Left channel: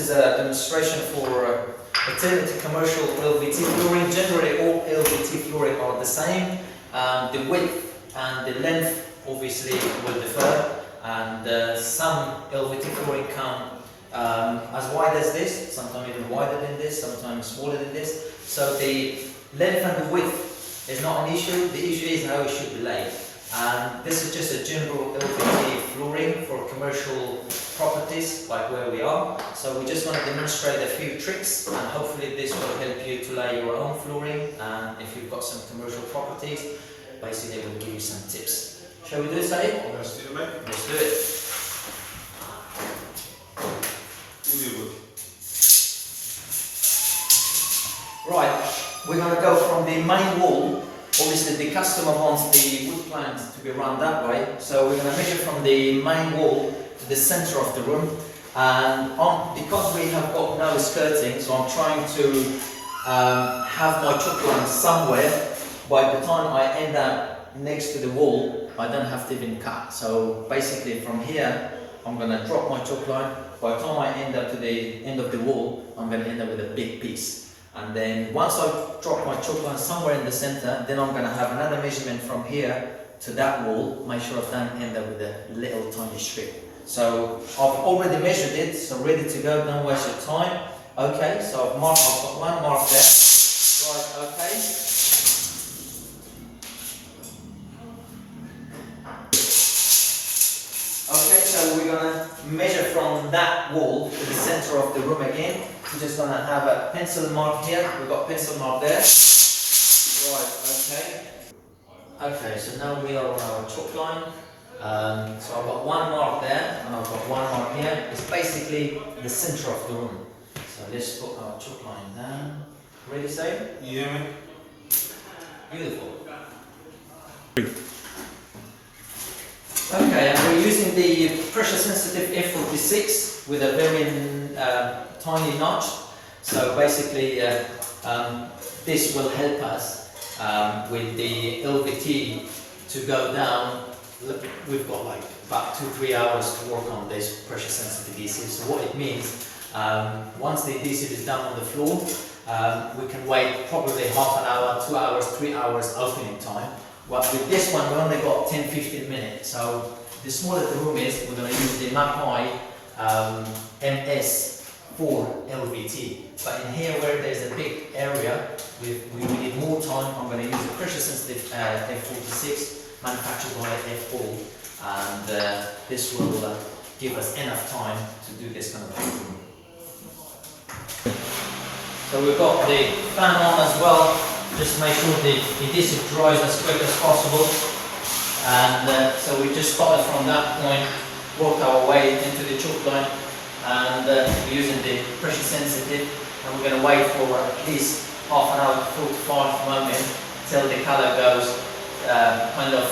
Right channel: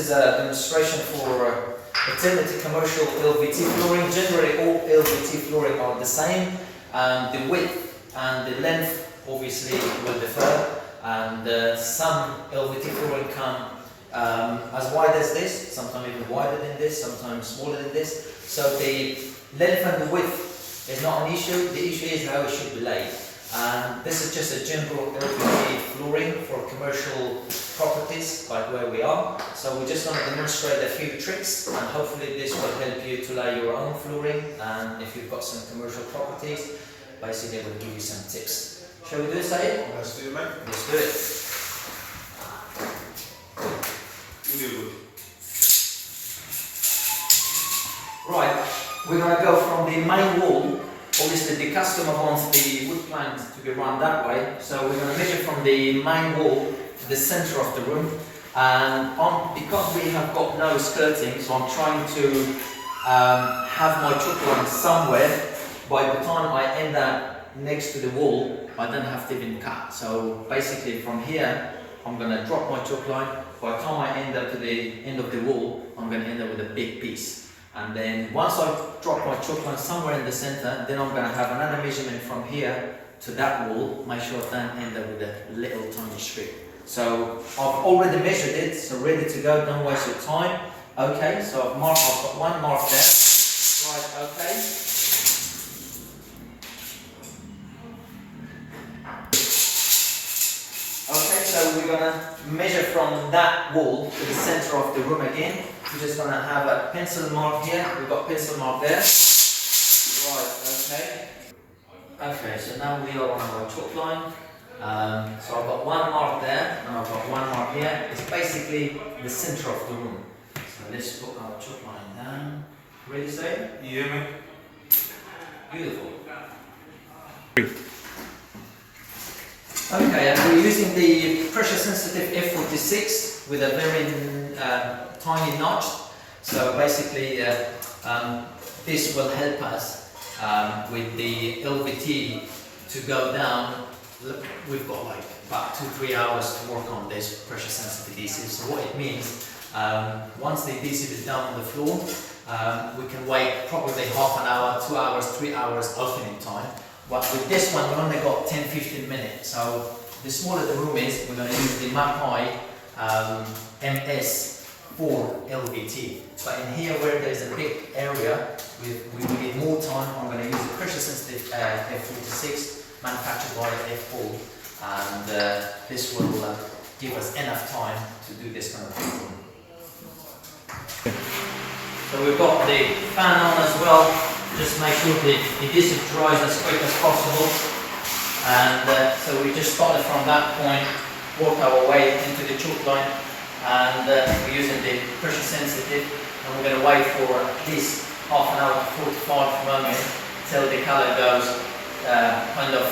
is a demonstration for alternative commercial Lvt flooring. Generally all Lvt flooring are the same. The width and the length obviously will differ, and some Lvt flooring come as wide as this, sometimes even wider than this, sometimes smaller than this. So the length and the width is not an issue. The issue is how it should be laid. This is just a general Lvt flooring for commercial properties like where we are. So we're just going to demonstrate a few tricks, and hopefully this will help you to lay your own flooring. And if you've got some commercial properties, basically we'll give you some tips. Shall we do it, Saeed? Let's do it, mate. Let's do it. Right, we're going to go from the main wall. Obviously the customer wants the wood planks to be run that way, so we're going to measure from the main wall to the center of the room. And because we have got no skirting, so I'm trying to have my chalk line somewhere. By the time I end up next to the wall, I don't have to even cut. So basically from here, I'm going to drop my chalk line. By the time I end up to the end of the wall, I'm going to end up with a big piece. And then once I drop my chalk line somewhere in the center, then I'm going to have another measurement from here to that wall. Make sure I don't end up with a little tiny strip. So I've already measured it, so ready to go, don't waste your time. Okay, so I've got one mark there. Right, okay. Okay, so we're going to measure from that wall to the center of the room again. We're just going to have a pencil mark here. We've got pencil mark there. Right, okay. Okay, so now we are on our chalk line. So I've got one mark there and I've got one mark here. It's basically the center of the room. So let's put our chalk line down. Ready, say? Yeah, mate. Beautiful. Okay, and we're using the pressure sensitive F46 with a very tiny notch. So basically this will help us with the Lvt to go down. Look, we've got like about 2-3 hours to work on this pressure sensitive adhesive. So what it means, once the adhesive is down on the floor, we can wait probably half an hour, 2 hours, 3 hours opening time. But with this one, we only got 10-15 minutes. So the smaller the room is, we're going to use the Mapai MS4 Lvt. But in here, where there's a big area, we need more time. I'm going to use the pressure sensitive F46, manufactured by F4, and this will give us enough time to do this kind of thing. So we've got the fan on as well. Just make sure the adhesive dries as quick as possible. And so we just started from that point, work our way into the chalk line, and we're using the pressure sensitive, and we're going to wait for at least half an hour to 45 moments till the color goes kind of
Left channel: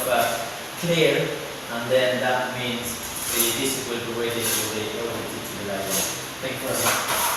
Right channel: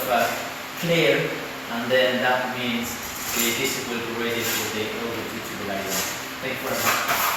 clear, and then that means the adhesive will be ready for the Lvt to be laid on. Thank you very much.